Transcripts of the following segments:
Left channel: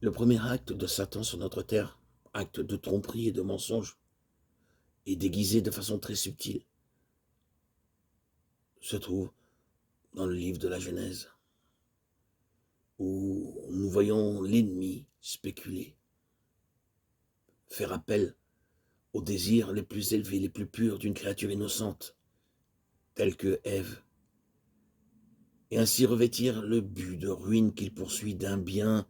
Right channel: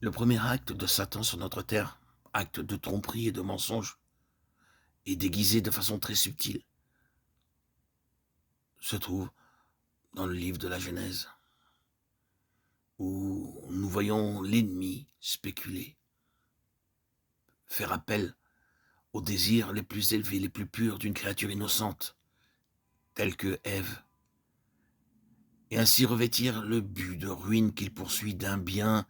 Le premier acte de Satan sur notre terre, acte de tromperie et de mensonge, est déguisé de façon très subtile, se trouve dans le livre de la Genèse, où nous voyons l'ennemi spéculer, faire appel aux désirs les plus élevés, les plus purs d'une créature innocente, telle que Ève, et ainsi revêtir le but de ruine qu'il poursuit d'un bien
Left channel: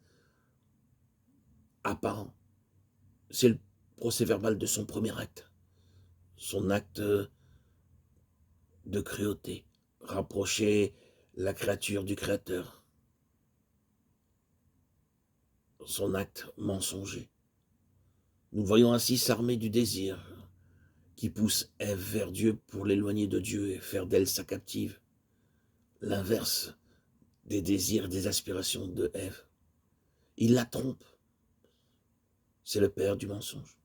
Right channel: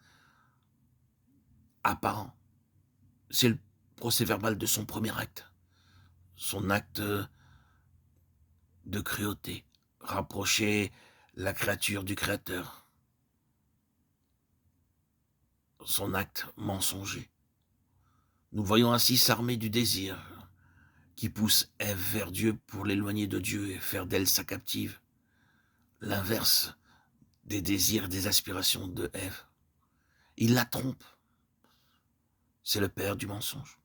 apparent. C'est le procès-verbal de son premier acte, son acte de cruauté, rapprocher la créature du Créateur, son acte mensonger. Nous voyons ainsi s'armer du désir qui pousse Ève vers Dieu pour l'éloigner de Dieu et faire d'elle sa captive, l'inverse des désirs et des aspirations de Ève. Il la trompe, c'est le père du mensonge.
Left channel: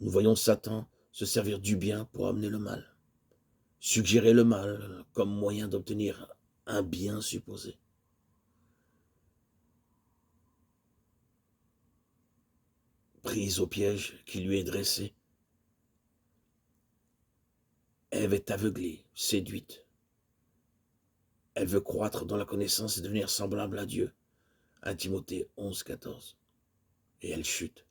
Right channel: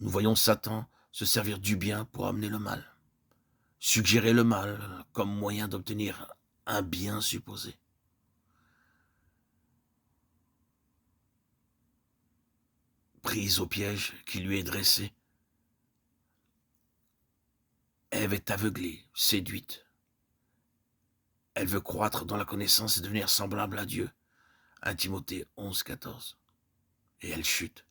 Nous voyons Satan se servir du bien pour amener le mal, suggérer le mal comme moyen d'obtenir un bien supposé. Prise au piège qui lui est dressé, Ève est aveuglée, séduite. Elle veut croître dans la connaissance et devenir semblable à Dieu. 1 Timothée 11, 14. Et elle chute.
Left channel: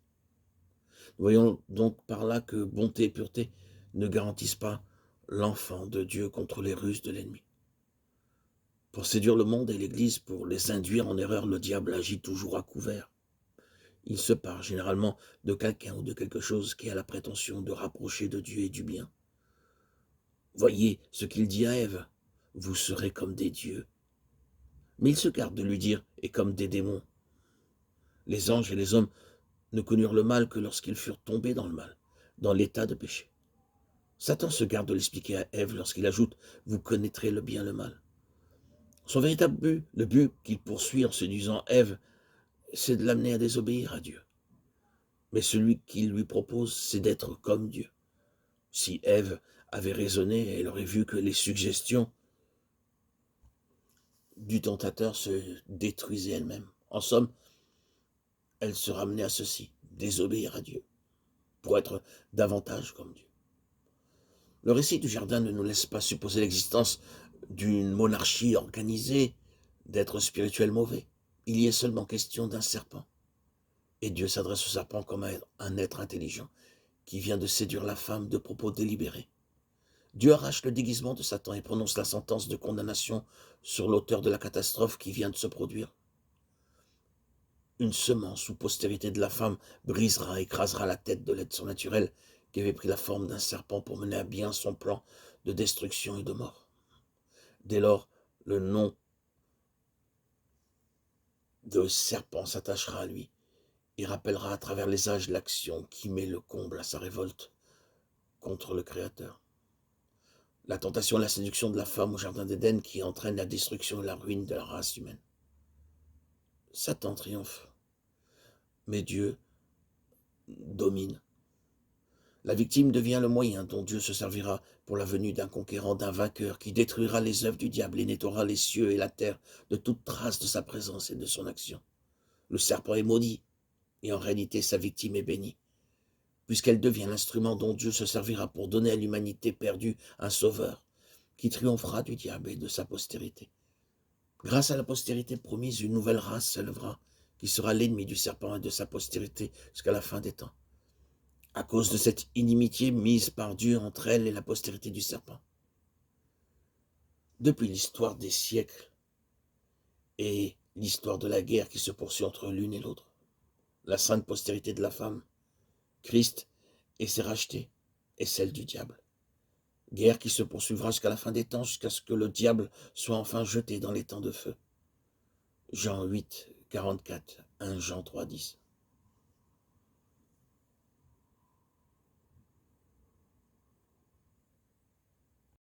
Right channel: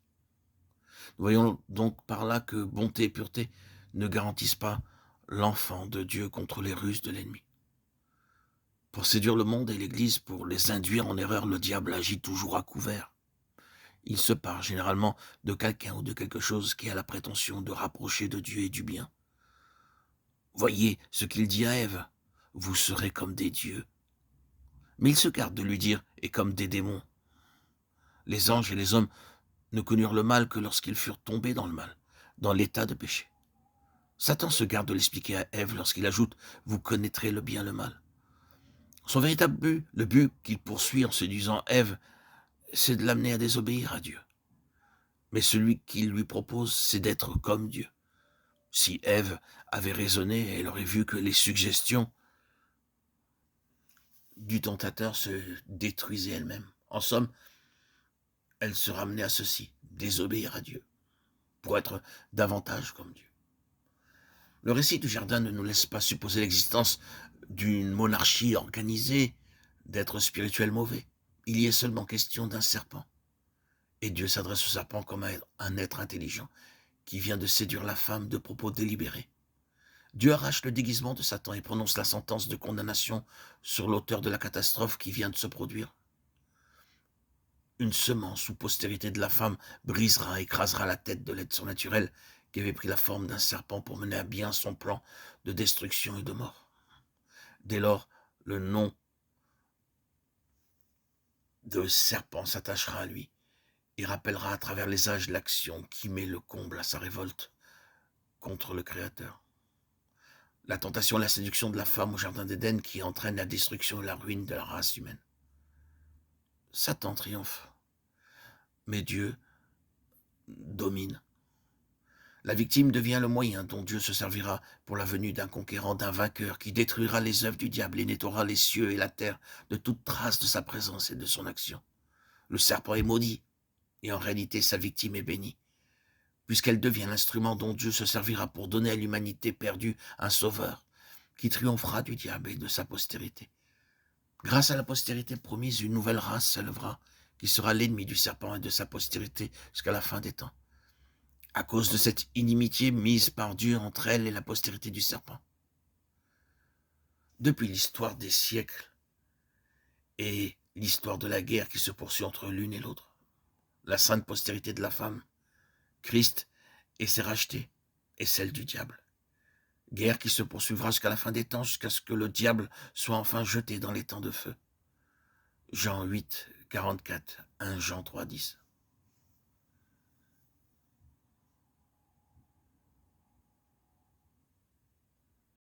Nous voyons donc par là que bonté et pureté ne garantissent pas l'enfant de Dieu contre les ruses de l'ennemi. Pour séduire le monde et l'Église, pour les induire en erreur, le diable agit toujours à couvert. Il se part généralement de quelqu'un ou de quelque chose qui a la prétention de rapprocher de Dieu et du bien. Voyez ce qu'il dit à Ève, vous serez comme des dieux. Mais il se garde de lui dire, et comme des démons. Les anges et les hommes ne connurent le mal que lorsqu'ils furent tombés dans le mal, dans l'état de péché. Satan se garde de l'expliquer à Ève lorsqu'il ajoute « Vous connaîtrez le bien et le mal ». Son véritable but, le but qu'il poursuit en séduisant Ève, c'est de l'amener à désobéir à Dieu. Mais celui qu'il lui propose, c'est d'être comme Dieu. Si Ève avait raisonné, elle aurait vu que les suggestions du tentateur se détruisaient elles-mêmes. En somme, elle se ramenait à ceci, désobéir à Dieu, pour être davantage comme Dieu. Le récit du jardin ne nous laisse pas supposer l'existence d'une monarchie organisée, d'êtres spirituels mauvais. Il y est seulement question d'un serpent. Et Dieu s'adresse au serpent comme à un être intelligent qui vient de séduire la femme de propos délibérés. Dieu arrache le déguisement de Satan et prononce la sentence de condamnation sur l'auteur de la catastrophe qui vient de se produire. Une semence ou postérité de la femme brisera, écrasera la tête de l'être surnaturel qui avait pris la forme d'un serpent pour mener à bien son plan de destruction et de mort. Dès lors, le nom de serpent s'attachera à lui et rappellera à travers les âges l'action qui met le comble à sa révolte contre le Créateur. La tentation et la séduction de la femme au jardin d'Éden qui entraîne la destruction et la ruine de la race humaine. Satan triomphe, mais Dieu domine. La victime devient le moyen dont Dieu se servira pour la venue d'un conquérant, d'un vainqueur qui détruira les œuvres du diable et nettoiera les cieux et la terre de toute trace de sa présence et de son action. Le serpent est maudit, et en réalité sa victime est bénie, puisqu'elle devient l'instrument dont Dieu se servira pour donner à l'humanité perdue un sauveur, qui triomphera du diable et de sa postérité. Grâce à la postérité promise, une nouvelle race s'élèvera, qui sera l'ennemi du serpent et de sa postérité jusqu'à la fin des temps, à cause de cette inimitié mise par Dieu entre elle et la postérité du serpent. Depuis l'histoire des siècles et l'histoire de la guerre qui se poursuit entre l'une et l'autre, la sainte postérité de la femme, Christ et ses rachetés, et celle du diable. Guerre qui se poursuivra jusqu'à la fin des temps, jusqu'à ce que le diable soit enfin jeté dans les temps de feu. Jean 8, 44, 1 Jean 3, 10.